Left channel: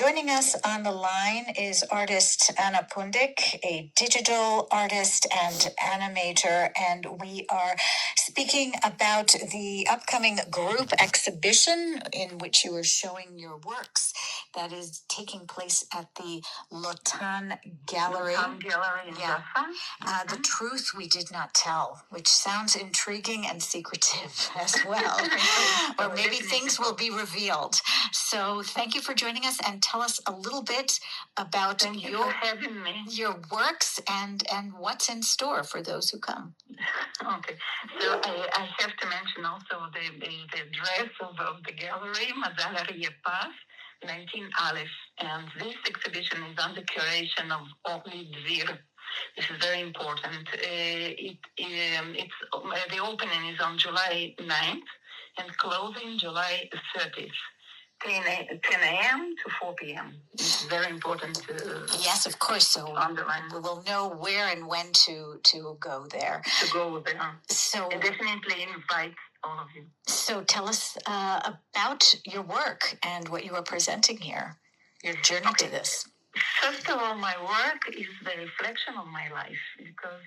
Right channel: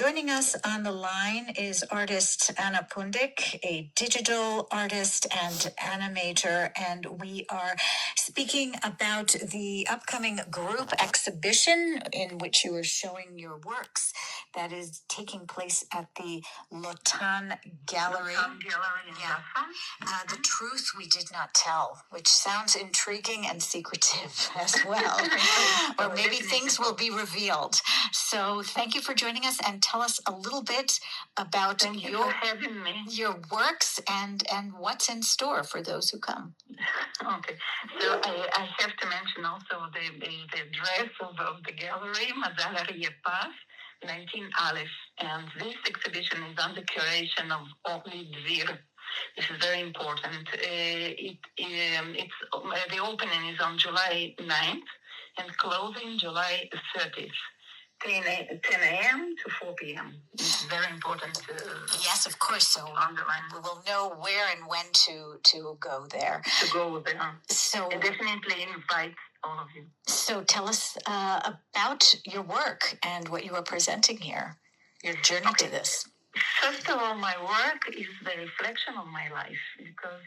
Joining us on the line is artist Anna Pundik, a digital artist and animator, and we are speaking about the upcoming group exhibition in which you are showing your works that is taking place at the Lotan Gallery. Yeah. The truth we did not tell, which sounds intriguing and secretive as well. Or maybe things will be revealed. So thank you for joining us, and tell us a little bit about your works and what's in store for those who come. Okay, so I have to mention also the dress of the gallery, Mazal Yepas, 19 Aleph, and this exhibition is under curation of Orly Dvir. This is very important. The opening is on July 9th and closing July 30th. 10 a.m. to 4 p.m. It's very important. Yes, of course. So we will know where and when to go there. So I definitely invite all of you. So tell us about your work and what you are presenting here, your journey to this. First of all, my work is the reflection of my life, because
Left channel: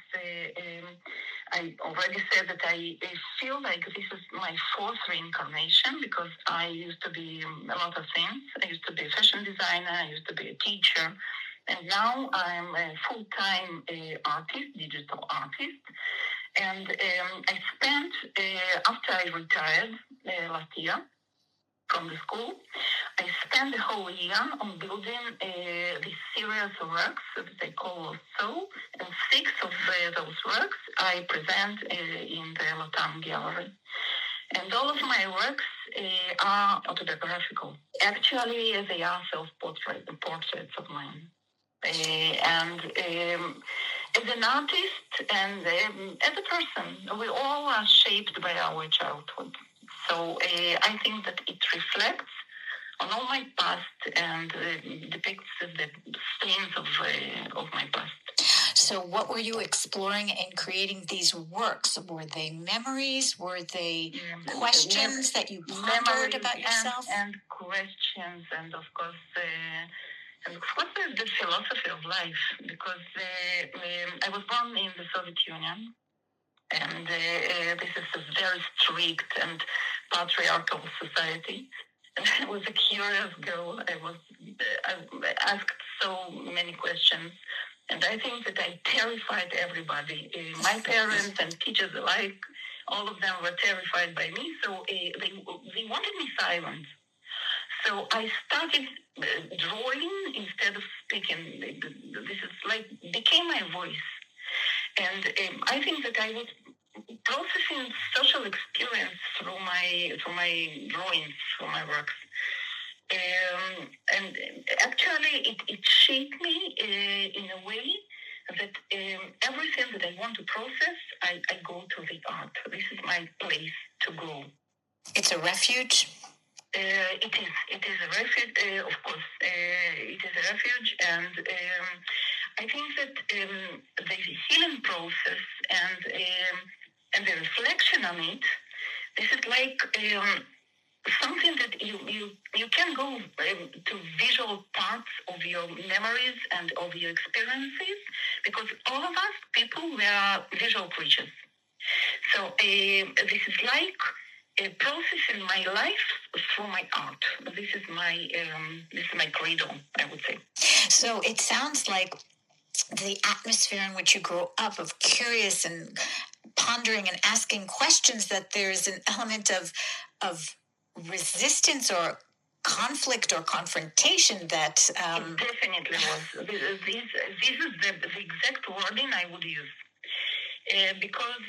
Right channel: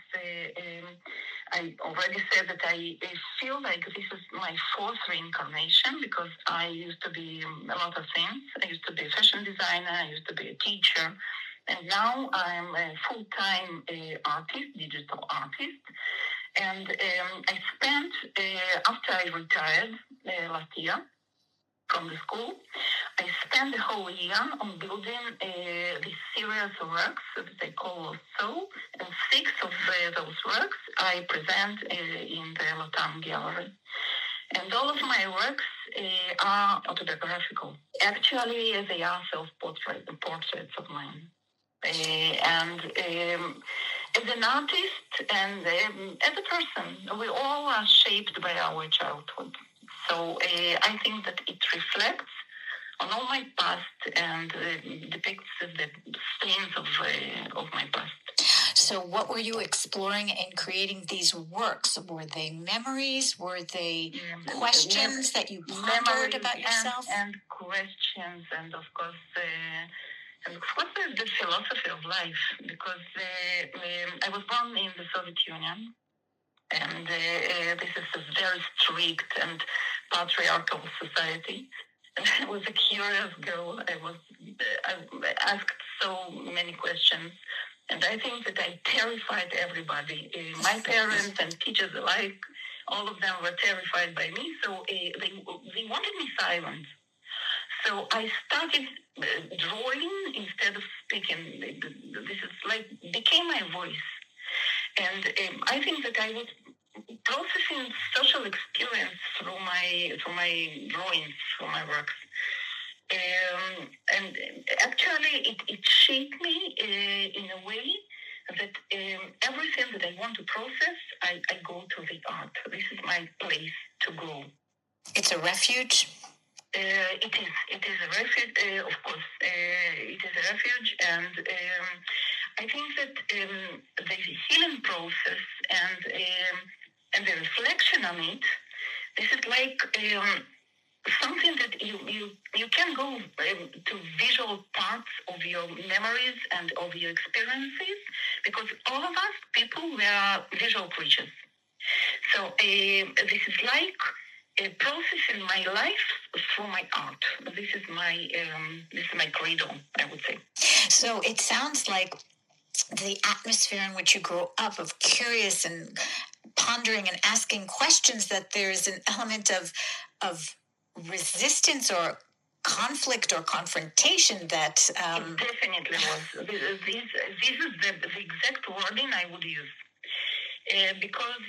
I already said that I feel like this is my fourth reincarnation, because I used to be a lot of things. I used to be a fashion designer, I used to be a teacher, and now I'm a full-time artist, digital artist. And I spent, after I retired last year from the school, I spent the whole year on building this series of works that I call So, and 6 of those works I present in the Lotan Gallery. And all of my works are autobiographical. Actually, they are self-portraits of mine. And as an artist and as a person, we all are shaped by our childhood. So I think that it reflects on all my past and depicts the themes of my past. So what were you exploring in creating these works? Were they memories? Were they questions that you pondered about yourself? And questions, and of course the philosophy of life, because I was born in the Soviet Union, and this is a very strict and patriarchal society. And I was a curious girl. I asked so many questions, and I think that I terrified everybody. My parents and teachers alike, all of them were terrified by me, so they wanted me silent. So I started drawing instead of speaking. This is became my voice. And I think that I was processing social experience through my drawings, through my works. And actually it shaped me in a way that everything that I want to process, I go to the art. This is my place to go. It's a refuge? It is a refuge, of course. It is a refuge, and I think that the healing process and the reflection on it, this is like something that you can go to visual parts of your memories and of your experiences, because all of us people, we are visual creatures. So this is like a process in my life through my art. This is my credo, I would say. So it sounds like the atmosphere in which you grow up, of curious and pondering and asking questions, that there's an element of resistance or conflict or confrontation that... It definitely was. This is the exact wording I would use. Because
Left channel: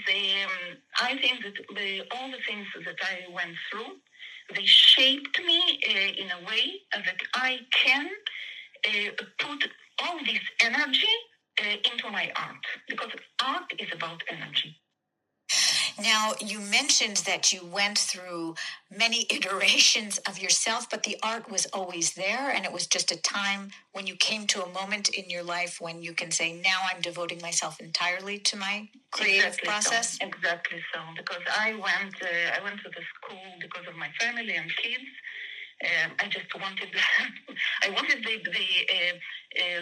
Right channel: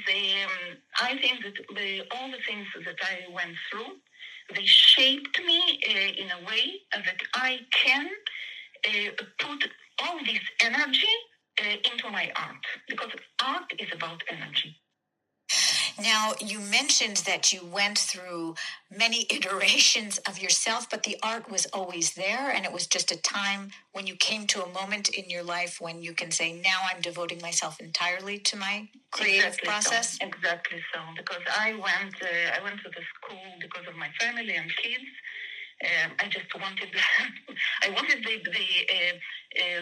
I think that all the things that I went through, they shaped me in a way that I can put all this energy into my art, because art is about energy. Now, you mentioned that you went through many iterations of yourself, but the art was always there, and it was just a time when you came to a moment in your life when you can say, now I'm devoting myself entirely to my creative process? So. Exactly so, because I went to the school because of my family and kids, I just wanted, I wanted the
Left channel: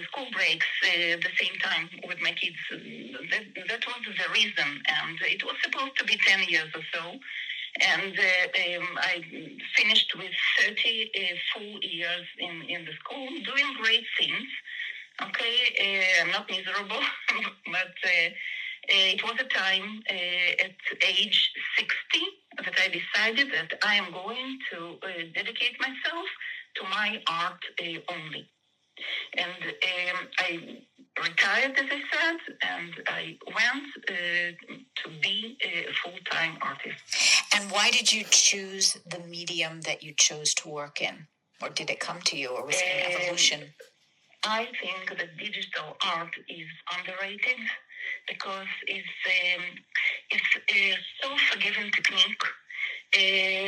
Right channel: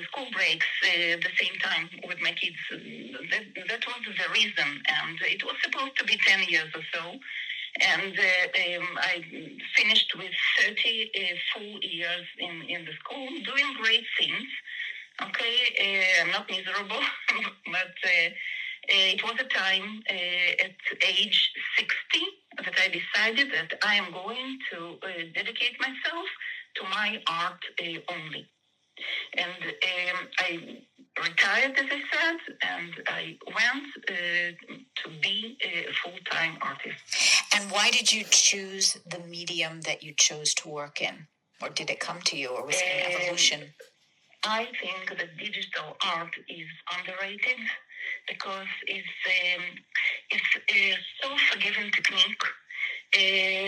school breaks the same time with my kids. That was the reason, and it was supposed to be 10 years or so. And I finished with 30 full years in the school, doing great things. Okay, I'm not miserable, but it was a time at age 60 that I decided that I am going to dedicate myself to my art only. And I retired, as I said, and I went to be a full-time artist. And why did you choose the medium that you chose to work in? Or did it come to you, or was it an evolution? I think that digital art is underrated because it's a so-forgiving technique.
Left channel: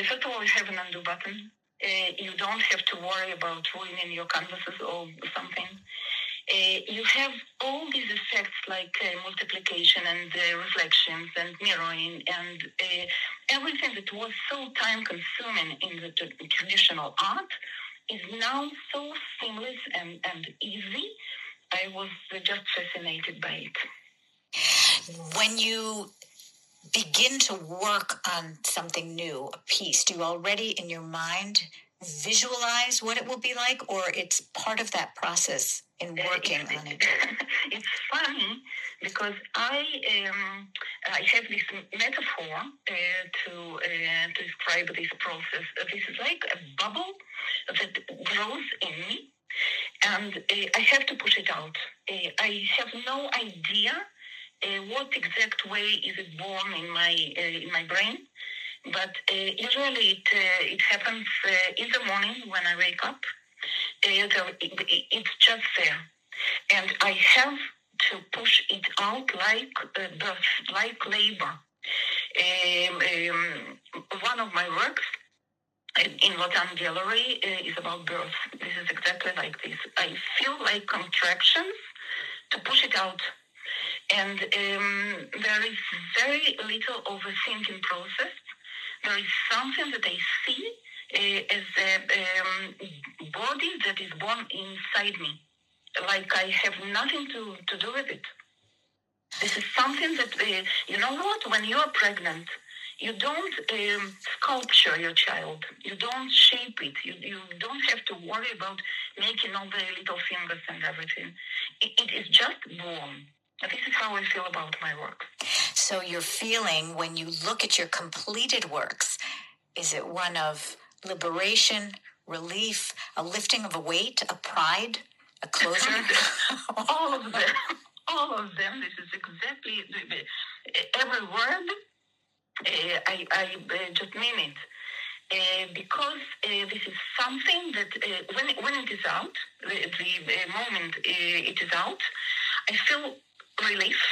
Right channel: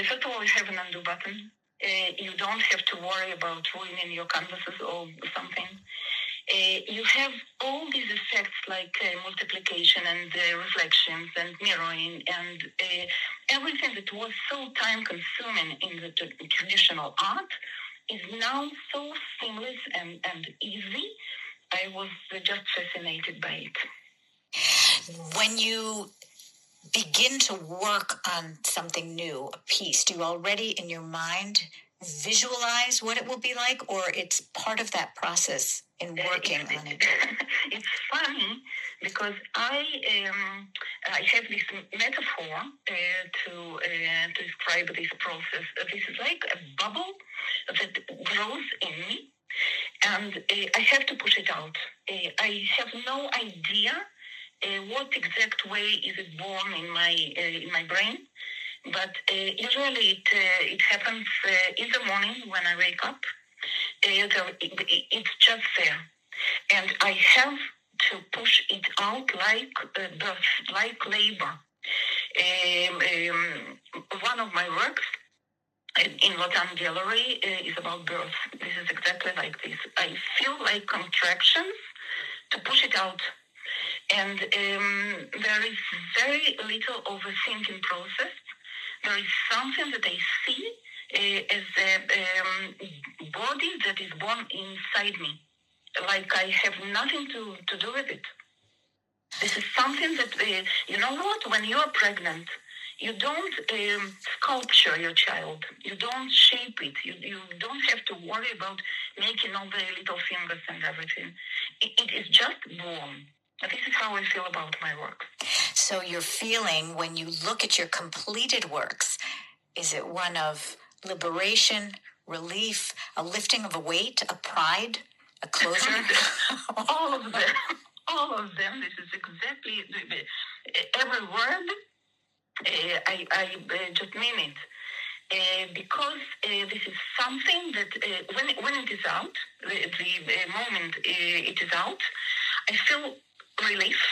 First of all, you have an undo button. You don't have to worry about ruining your canvases or something. You have all these effects like multiplication and reflections and mirroring and everything that was so time-consuming in the traditional art is now so seamless and easy. I was just fascinated by it. When you begin to work on something new, a piece, do you already in your mind visualize what it will be like, or it's part of that process in working on it? It's funny because I have this metaphor to describe this process. This is like a bubble that grows in me, and I have to push it out. I have no idea what exact way is it born in my brain, but usually it happens in the morning when I wake up. It's just there, and I have to push it out like birth, like labor. One of my works in Lotan Gallery is about birth. This is exactly like this. I feel like contractions to push it out. And there is very little overthinking process. There is something that I see as a body that is born inside me. Like I have nothing to do with it. This is something that, you know what, when you are pregnant, you don't sculpture your child. You don't shape it. You don't have to worry about making all the little fingers and everything. It is just born. And this is how I feel about my work. So your feeling when you look at your completed works, is it one of liberation, relief, a lifting of a weight, a pride, a closure? All of them. All of them. This is exactly every word. I just mean it. Because this is something that when it is out, the moment it is out, I feel relief,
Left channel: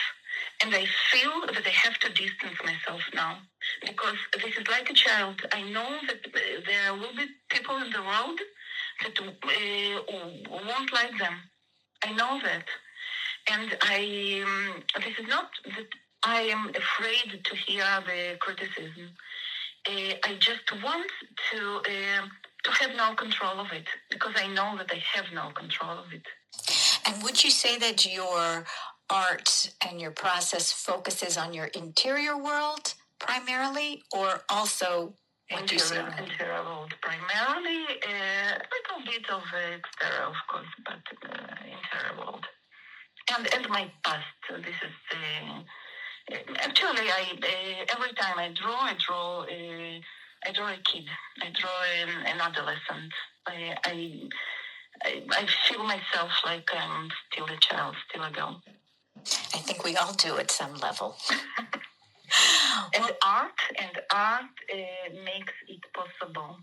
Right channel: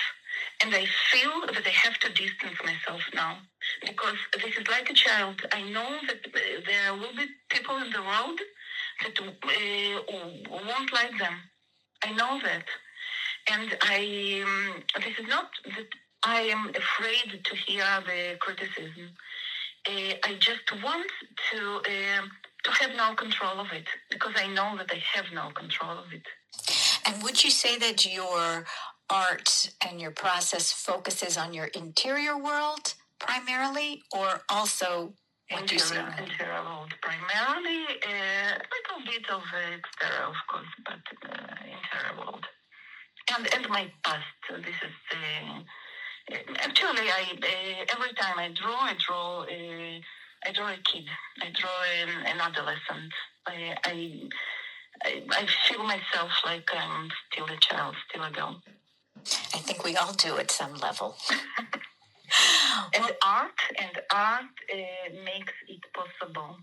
and I feel that I have to distance myself now, because this is like a child. I know that there will be people in the world that won't like them. I know that. And this is not that I am afraid to hear the criticism. I just want to have no control of it, because I know that I have no control of it. And would you say that your art and your process focuses on your interior world primarily, or also interior world primarily? A little bit of exterior, of course, but interior world. And my past. This is actually every time I draw a kid. I draw an adolescent. I feel myself like I'm still a child, still a girl. I think we all do at some level. And art makes it possible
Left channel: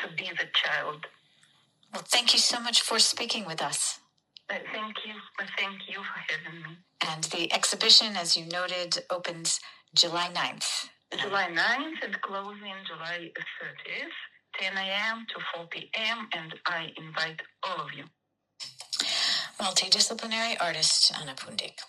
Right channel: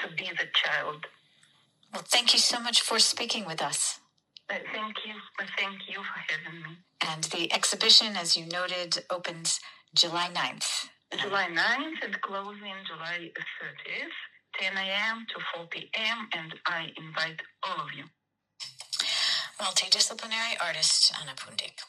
to be the child. Well, thank you so much for speaking with us. Thank you for having me. And the exhibition, as you noted, opens July 9th. July 9th and closing July 30th, 10 a.m. to 4 p.m., and I invite all of you. Multidisciplinary artist Anna Pundik.